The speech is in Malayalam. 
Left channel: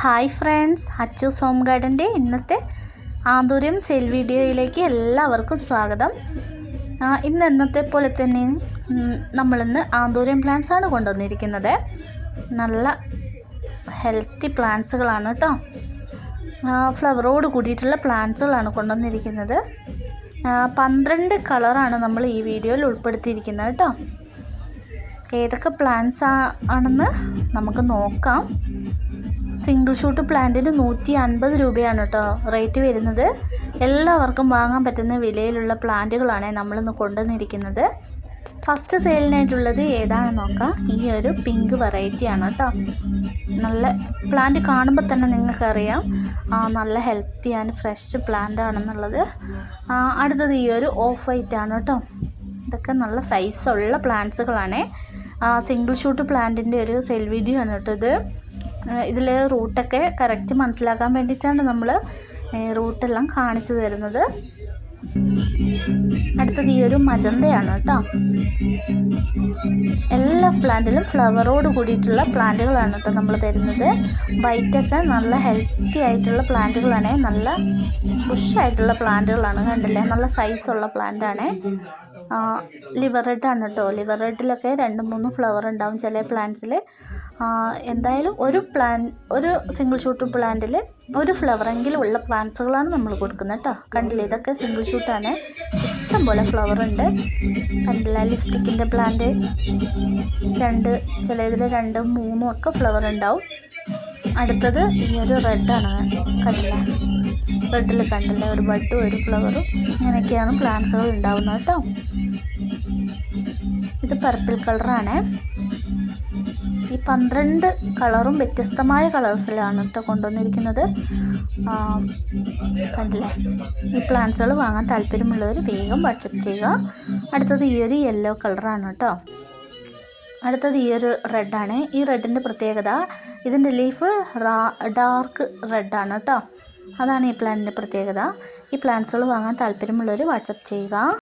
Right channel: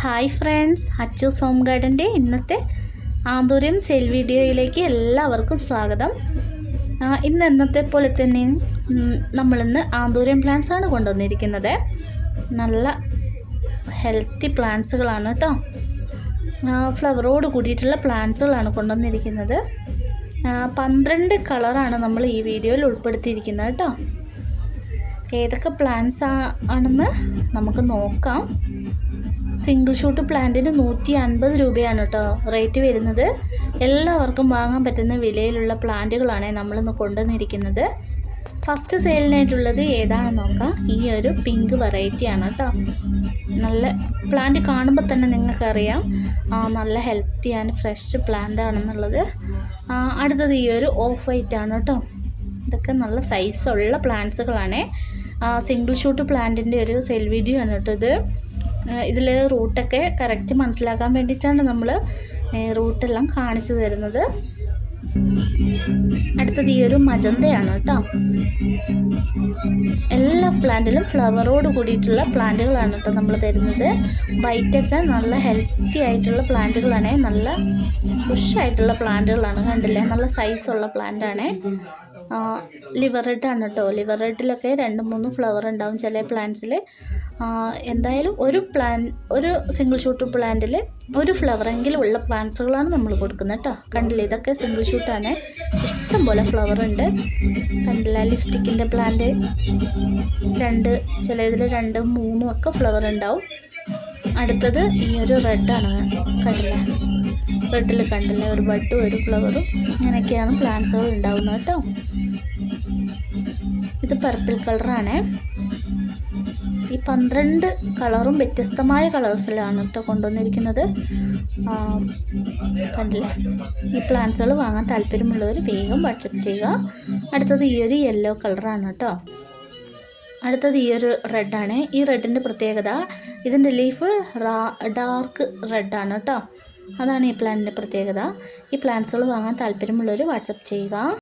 ഹായ് ഫ്രണ്ട്സ് അച്ചു സോം ഗാർഡൻ്റെ ഇന്നത്തെ ആന്തൂര്യം സെൽ വീഡിയോയിലേക്ക് എല്ലാവർക്കും സ്വാഗതം ഇന്ന് ഇന്നത്തെ പോലെ തന്നെ നമ്മളിന്ന് ആന്തൂര്യം പ്ലാന്റ്സ് ആണ് കൊണ്ടുവന്നിരിക്കുന്നത് നല്ല ഹെൽത്തി പ്ലാന്റ്സുകളാണ് കേട്ടോ ഫ്ലവറോട് കൂടിയിട്ടുള്ള പ്ലാന്റ്സുകളാണ് കൊണ്ടുവന്നിരിക്കുന്നത് പന്ത്രണ്ട് കളറാണ് നമ്മൾ ഈ വീഡിയോയിൽ ഉൾപ്പെടുത്തിയിരിക്കുന്നത് കേട്ടോ ഏതൊക്കെ പ്ലാന്റ്സ് ആണെന്ന് നമുക്ക് നോക്കാം സിംഗിൾ ഷൂട്ട് പ്ലാന്റിന് നൂറ്റി അൻപത് രൂപയാണ് കേട്ടോ റേറ്റ് വരുന്നത് എല്ലാവർക്കും വാങ്ങാൻ പറ്റുന്ന വിലയിലുള്ള പ്ലാന്റുകളാണ് നമ്മളിന്ന് കൊണ്ടുവന്നിരിക്കുന്നത് ഫസ്റ്റ് സെയിലിനായിട്ടുള്ളത് ഏതാണെന്ന് നോക്കാം ഈ ഒരു പിങ്ക് വെറൈറ്റിയാണ് കേട്ടോ നല്ല പ്ലാന്റ് കാണുമ്പോൾ തന്നെ നിങ്ങൾക്കറിയാം നല്ല ഹെൽത്തി ആൻഡ് ഫ്രഷ് പ്ലാന്റ് ആണെന്നുള്ളത് അടുത്തത് ഈ ഒരു ഓഫ് വൈറ്റ് ആണ് കേട്ടോ ഇതൊക്കെ നല്ല സൈസുള്ള പ്ലാന്റ്സുകളാണ് സിംഗിൾ ഷൂട്ട് പ്ലാന്റിൻ്റെ ഒരു സെൽ വീഡിയോ ആണ് കേട്ടോ ഇത് ഇതിൽ റൂട്ടൊക്കെ കറക്റ്റ് മനസ്സിലാക്കാൻ വേണ്ടിയിട്ടാണ് നമ്മൾ റൂട്ടെല്ലാം കാണിച്ചു തരുന്നത് അടുത്തത് ഈ ഒരു മജന്തയാണ് കേട്ടോ എല്ലാ പ്ലാന്റിലും ഫ്ലവറോട് കൂടിയിട്ടുള്ള പ്ലാന്റുകളാണ് കേട്ടോ നമ്മൾ തരുന്നത് വൈറ്റൊക്കെ നല്ല ഹെൽത്തി ആയിട്ടുള്ള പ്ലാന്റുകളാണ് നല്ല ബുഷായിട്ടുള്ള പ്ലാന്റുകളാണ് കണ്ടില്ലേ നല്ല സൈസുള്ള പ്ലാന്റാണ് ലിവർ റെഡ് ആണ് കേട്ടോ ലിവർ റെഡിലൊക്കെ രണ്ട് മൂന്ന് ഫ്ലവർ ഉണ്ടാവും ചില പ്ലാന്റ്സിൽ എന്തായാലും ഒരു പ്ലാൻ ഒരു സിംഗിൾ ഷൂട്ട് പ്ലാന്റിൽ ഒരു ഫ്ലവറെങ്കിലും ഉള്ള പ്ലാന്റ്സുകളാണ് നമ്മൾ കൊടുക്കുന്നത് കേട്ടോ കണ്ടില്ല ഇതൊക്കെ സിംഗിൾ ഷൂട്ടാണ് ഇഷ്ടംപോലെ ഫ്ലവർ ഉണ്ട് കണ്ടില്ല ലിപ്സ്റ്റിക്കിൻ്റെ പ്ലാന്റ് രണ്ട് ചില ഇതിൽ രണ്ടും മൂന്നും ഒക്കെ ഫ്ലവർ ഉണ്ടാവും അടുത്തത് ഈ ഒരു റെഡാണ് കണ്ടില്ല ബെഡിൽ കണ്ടില്ലേ ഒരു ബെഡും ഒരു ഫ്ലവറും ഇങ്ങനെയൊക്കെയാണ് പ്ലാന്റ്സുകൾ ഉണ്ടാവുന്നത് കേട്ടോ ഇത് പർപ്പിൾ കളറാണ് ഈ പന്ത്രണ്ട് കളറും വ്യത്യസ്തമായ കളേഴ്സിലാണ് കേട്ടോ കൊണ്ടുവന്നിരിക്കുന്നത് കണ്ടില്ലേ ഈ പ്ലാന്റ്സുകൾ വാങ്ങാൻ താല്പര്യമുള്ളവർ വേഗം വാട്സപ്പ് ചെയ്യുക അടുത്തത് ഈ ഒരു യെല്ലോ കളറാണ് കേട്ടോ അടുത്തത് ഈ ഒരു റെഡാണ് ഈ റെഡിൻ്റെ പ്രത്യേകത ഇതിൻ്റെ ലീഫ് ഡാർക്ക് റെഡാണ് കേട്ടോ അതാണ് ഈ പ്ലാന്റിൻ്റെ പ്രത്യേകത ഈ പ്ലാന്റ്സുകൾ വാങ്ങാൻ താല്പര്യമുള്ളവർ വാട്സപ്പ് ചെയ്യുക